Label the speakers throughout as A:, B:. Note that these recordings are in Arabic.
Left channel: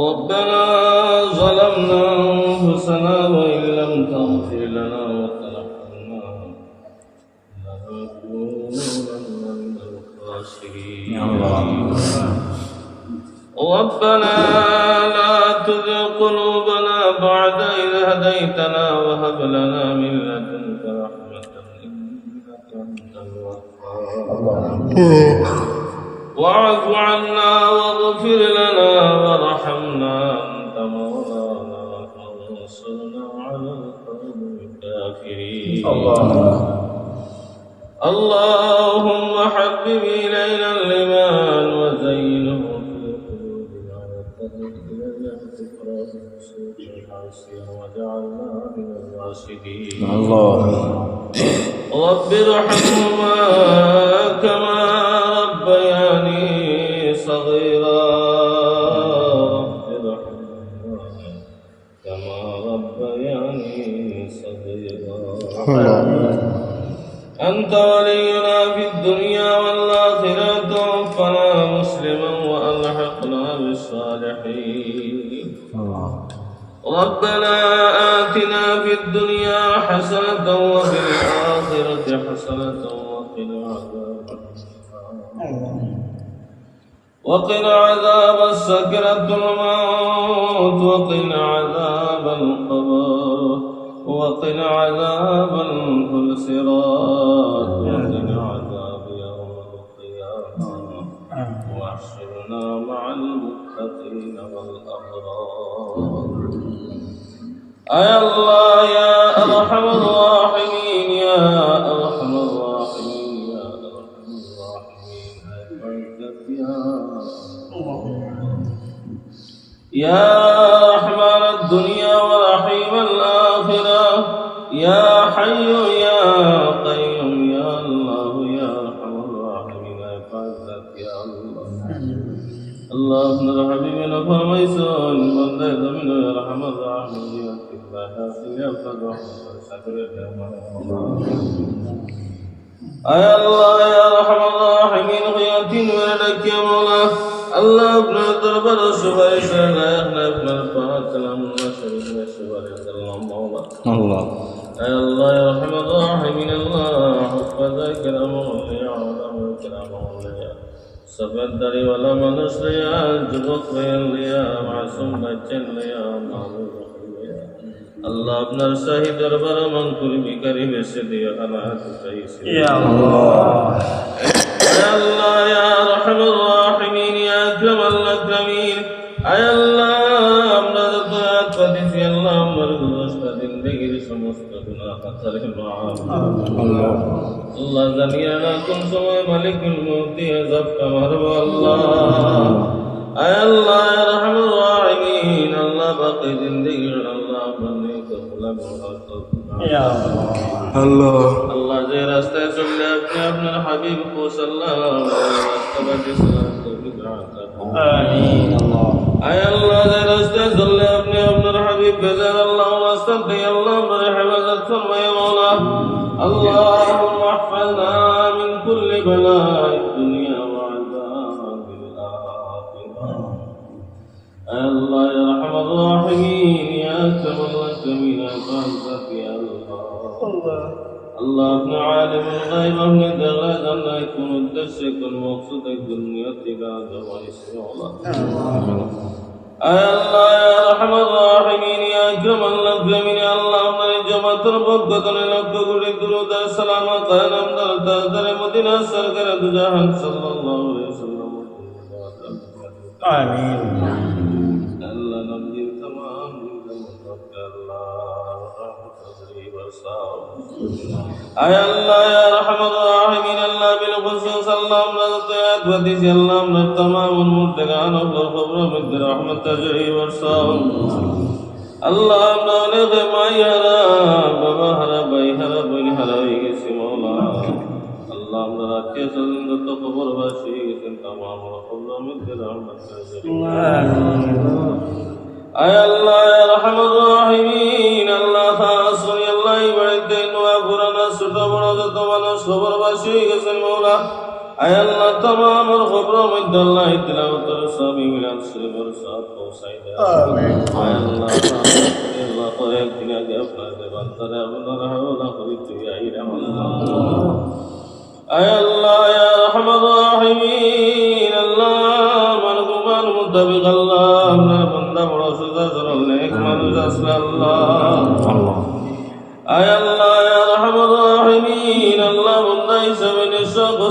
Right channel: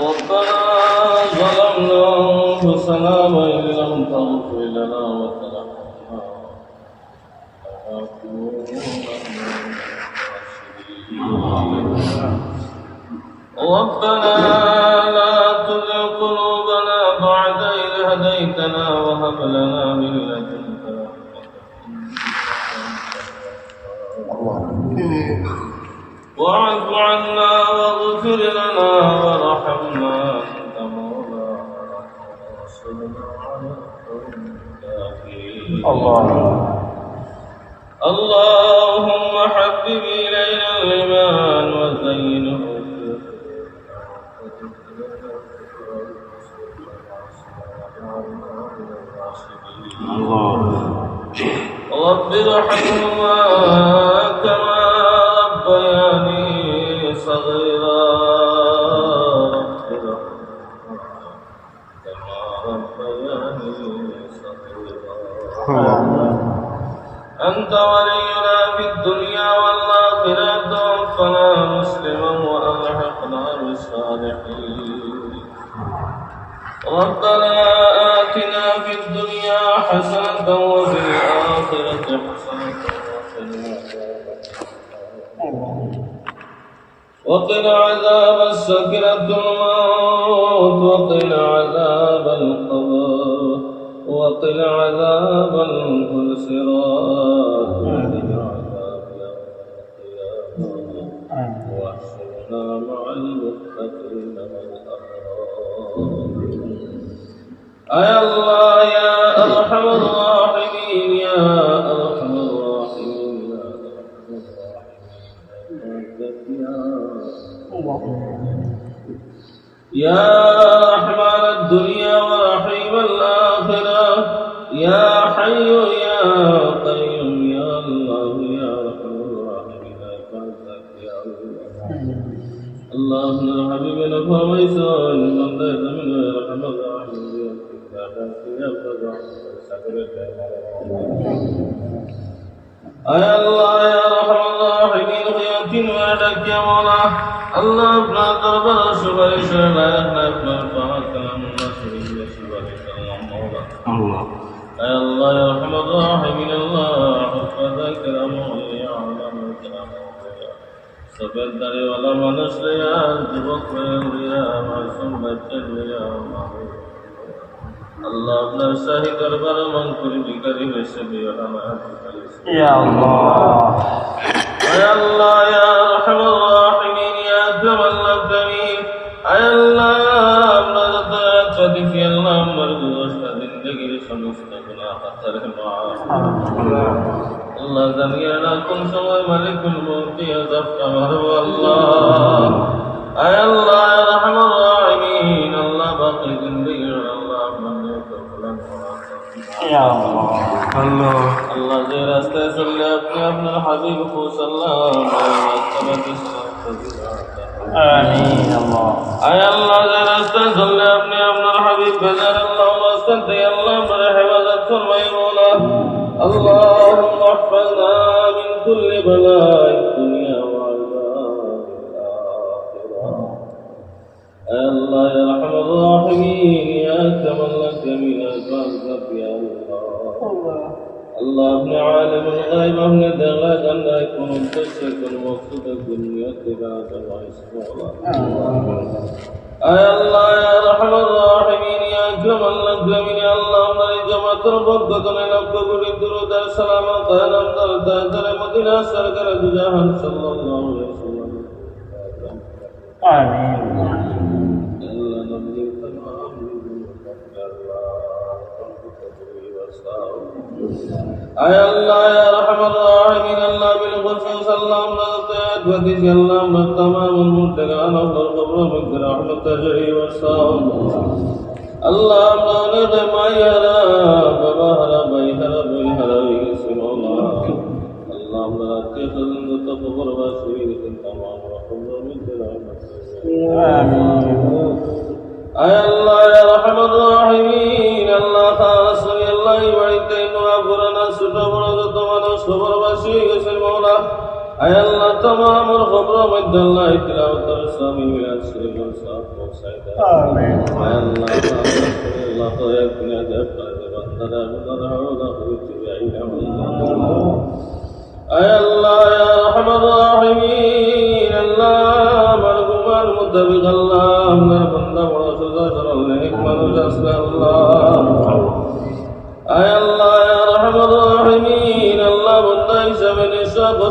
A: ربنا ظلمنا أنفسنا وإن لم تغفر لنا وترحمنا ربنا لا تزغ قلوبنا بعد إذ هديتنا وهب لنا من لدنك رحمة إنك أنت الوهاب. واعف عنا واغفر لنا على القوم الكافرين اللهم حبب إلينا الإيمان وزينه في قلوبنا وكره إلينا الكفر والفسوق والمعصية واجعلنا من الراشدين رب ارحمهما كما ربياني صغيرا. أنت ولينا في الدنيا والآخرة توفنا مسلما وألحقنا بالصالحين. ربنا آتنا في الدنيا حسنة وفي الآخرة حسنة وقنا عذاب وقنا عذاب السكرة الموت وقنا عذاب القبر. وقنا عذاب الصراط وقنا عذاب يوم القيامة. واحشرنا مع المتقين والأبرار. أي الله يا أرحم الراحمين يا أرحم الراحمين يا أرحم الراحمين. يا يا رحمن الدنيا ورحيم الآخرة. يا حي يا قيوم يا الله يا أرحم الراحمين أرحمك يا الله الله ابن حبيبنا فرميسون بندے زمین رحمت رحمت یا کفادا سیا پر رحمت صبر اے اللہ یا رحم الراحمین خیاتین ولدك يا مولا الله ابن دربر سبحانه لا يغنى ابن الفاتح النصر وسبحانك اللهم مولا الله اے اللہ یا رحم الراحمین اللہ حفظ کرم اولیاء علم کرم اولیاء সবের দাড়ি ওয়ালা মানুষ লিয়া যুবক মেয়ে লিয়া মাসুম বাচ্চা লিয়া মাহবুব আল্লাহ আপনার শাহী দরবারে মন করে ভিকারি বেসে দিও অনাথ পাইছে يا الله يا الله يا জিন্দগির সমস্ত গুনাহ খাতারে মাফ আল্লাহ জানিয়ে না কোন সময় মালিকুল মৌতি আজাবটা মারব আল্লাহ আয় আল্লাহ আয় রহমান রাহিমিন আল্লাহ বাকি জিন্দগি আল্লাহ বন্দি তো اللہ دے راستے چلے اپنے اپنے حبیب کو صلی اللہ علیہ وسلم کی سنت تبیل آمین اللہ اے اللہ دے راستے چلے اپنے اپنے حبیب اللهم احفظنا من كل بلاء الدنيا وعذاب الآخرة اے اللہ یا رحم الراحمین یا اکرم الراحمین فانت يا الله আল্লাহ আপনি আলিম গাইব আপনি দেখলেন আল্লাহ কোন উদ্দেশ্যে কোন মকসুদে কোন নিয়তে গাদ আয় আল্লাহ ইয়া রহমান রাহিমিন ইয়া আকরামাল আকরামিন আল্লাহ আপনার জমাতের পক্ষ থেকে লক্ষ কোটি দুরুদ সালাম কালাম দর দর মদিনা সরকার দুজাহান সাল্লাল্লাহু আলাইহি ওয়াসাল্লাম আমিন আয় আল্লাহ ইয়া রাহমাতুর রাহিমিন আল্লাহ বিল কুসুম সাল্লাম রাস্তায়াত ওয়াদি সাল্লাম না তামাম আল মুত্তাকান আল্লাহর কবর মধ্যে রহমত তাজরি বর্ষাও আল্লাহ আপনার দেমাই হারা বাবা হারা ভাই হারা বোন হারা হয়ে গেছে মৌলা আল্লাহ আমরা আত্মীয় স্বজন যত কবর বাসী হয়ে গেছেন তামাম কবর মধ্যে রহমত তাজরি আয় আল্লাহ আয় আল্লাহ তুমি আমার খবর মধ্যে আল্লাহ ইতলাও তোর স্বামী মিলাদ সে তোর সব পৌঁছাই দাও আমিন। আয় আল্লাহ আল্লাহ তো একদিন আগে আপনার বান্দারা আপনার হাওলা হইতে আইরা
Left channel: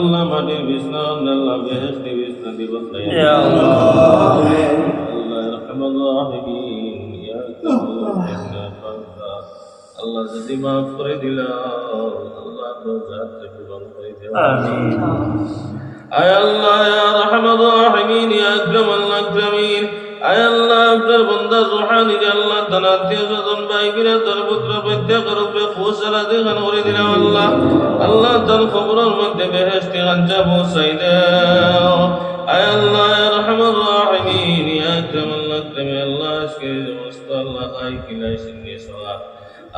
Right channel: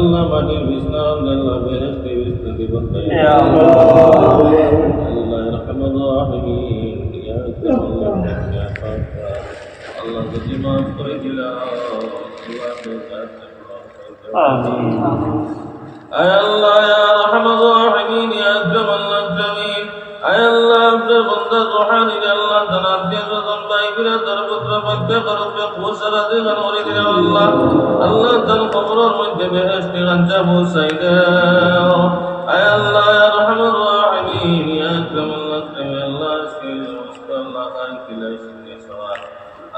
A: আল্লাহ মাটির বিছনা আল্লাহ বেহেস্তি বিছনা দিবস আল্লাহ। যদি মাফ করে দিলাম আল্লাহ পূরণ করে দিলাম আয় আল্লাহ ইয়া রাহমাতুল রাহিমিন ইয়া জামাল জামিল আয় আল্লাহ আপনার বান্দার রূহানি আল্লাহ তাআলা দিয়ে যতন বিরা তার পুত্র প্রত্যেক রূপে খুশরা দেখান করে দিলেন আল্লাহ। আল্লাহ তার কবরের মধ্যে বেহেশতি গাঞ্জা পৌঁছাই দেও। আয় আল্লাহ রহমান রাহিমিন। ইয়া আকরাম আল্লাহ আকরামিন আল্লাহ আজকে সমস্ত আল্লাহ আই কিলাই সিন্নি সওয়াল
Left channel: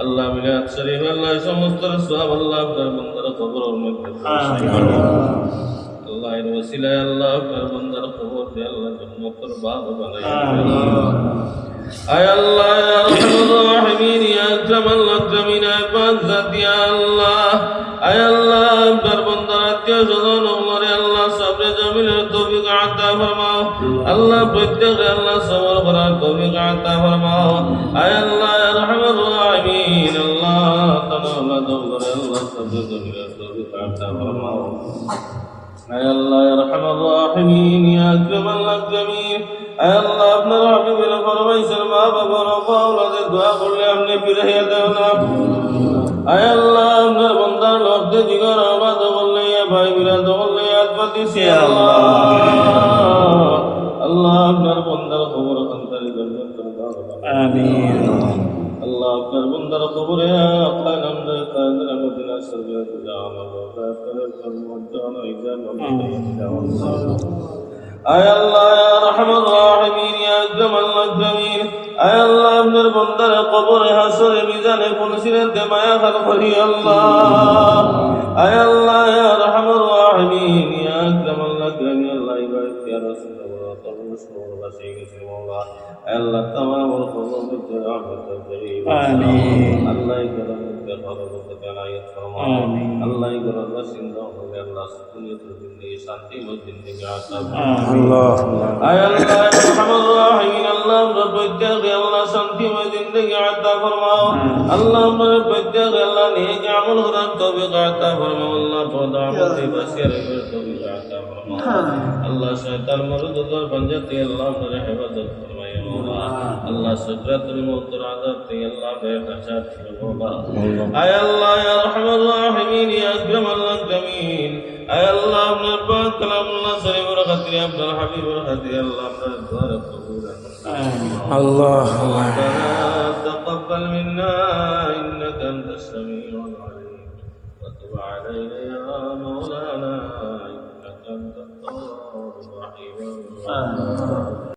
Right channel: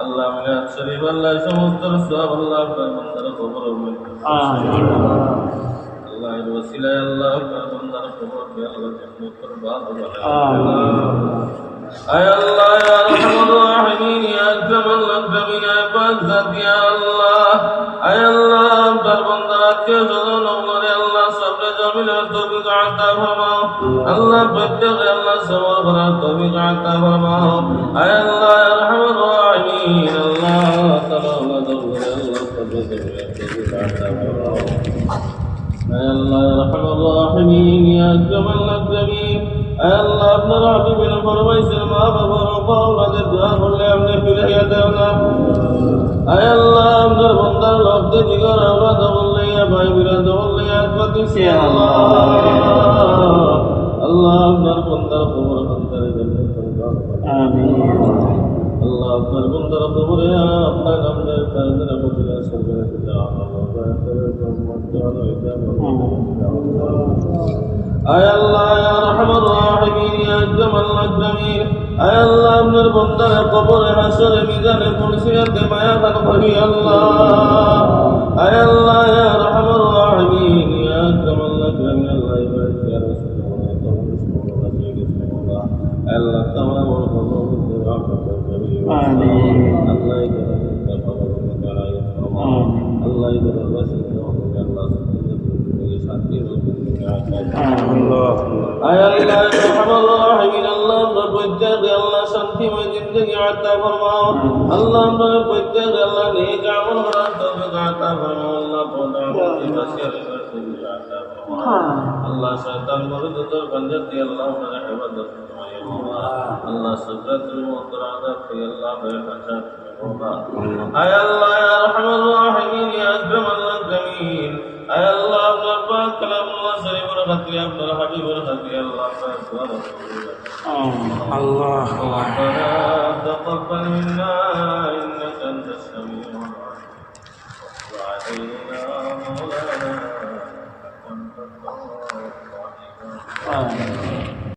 A: আল্লাহ মিলাদ শরীফ আল্লাহ সমস্ত সওয়াব আল্লাহ আপনার বান্দার কবরের মধ্যে পৌঁছাই দেও। আল্লাহর ওসিলায় আল্লাহ আপনার বান্দার খবর দে আল্লাহ জান্নাতের বাগ বানায় আয় আল্লাহ ইয়া পাক জাত ইয়া আল্লাহ আয় আল্লাহ আপনার বান্দার আত্মীয় স্বজন ওগুলোরে আল্লাহ সবরে জামিলের তৌফিক আতা ফরমাও আল্লাহ প্রত্যেকে আল্লাহ সবর করার তৌফিক আতা ফরমাও আয় আল্লাহ ইয়া আরহামার রাহিমিন আল্লাহ তাআলা আল্লাহ দরবারে আল্লাহ সবরে জামিলের তৌফিক আতা ফরমাও আয় আল্লাহ ইয়া রহমান রাহিমিন ইয়া আকরামাল আকরামিন আয় আল্লাহ আপনার হাবিবের ফরমাইছেন মা বাবা বাবা ওনাদের দোয়া করলে আপনি ফিরাইয়া দেও না আয় আল্লাহ আপনার বন্দার লব্ধে জিগর আবাদ বললাইয়া ভাই বিরা দোল্লাইয়া আত্মা দিছি আল্লাহ আল্লাহ আপনার বন্দার খবর সন্তানের জন্য আমিন আল্লাহ আপনার বন্দার খবরে আপনার আমরা তাদের মদিনা সরকারের দাম আল্লাহ তাদের সম্মান জানো ইজাম আল্লাহ আয় আল্লাহ ইয়া রহমান রাহিমিন ইয়া আকরাম আল আকরামিন আয় আল্লাহ আপনার বন্দার কবরে হাসরে মিজানে ফুলসিরাতে মায়া খাল করি আল্লাহ আয় আল্লাহ ইয়া রহমান রাহিমিন ইয়া আকরাম আল আকরামিন আল্লাহ ইবাদত ইয়া রাসূলুল্লাহ তাআলা রাসূলুল্লাহ বাসি গেছে মাওলা আল্লাহ তামাম ওর খবর করতে রহমত করি آمين আল্লাহ করম করতে খবর করতে জানাই ফরমা آمين আল্লাহ শান্তি বলতেন থেকে আসার আল্লাহ। প্রত্যেক আল্লাহ শান্তিময় জিন্দগি আতা ফরমাও। আল্লাহ প্রত্যেক আল্লাহ নিয়ে আমল করার তবে আতা ফরমাও। আল্লাহ পদ আমাদের নাসিয়া রাখার তবে আতা ফরমাও। হ্যাঁ। আল্লাহ শয়তান মরদ اے اللہ اپنا پاک کلام اللہ صلی اور خطری عبد الحبیب اور خطری اللہ اپنا دعا رسول اللہ ربنا تقبل منا انك انت السميع العليم وتب علينا يا مولانا انك انت التواب الرحيم آمين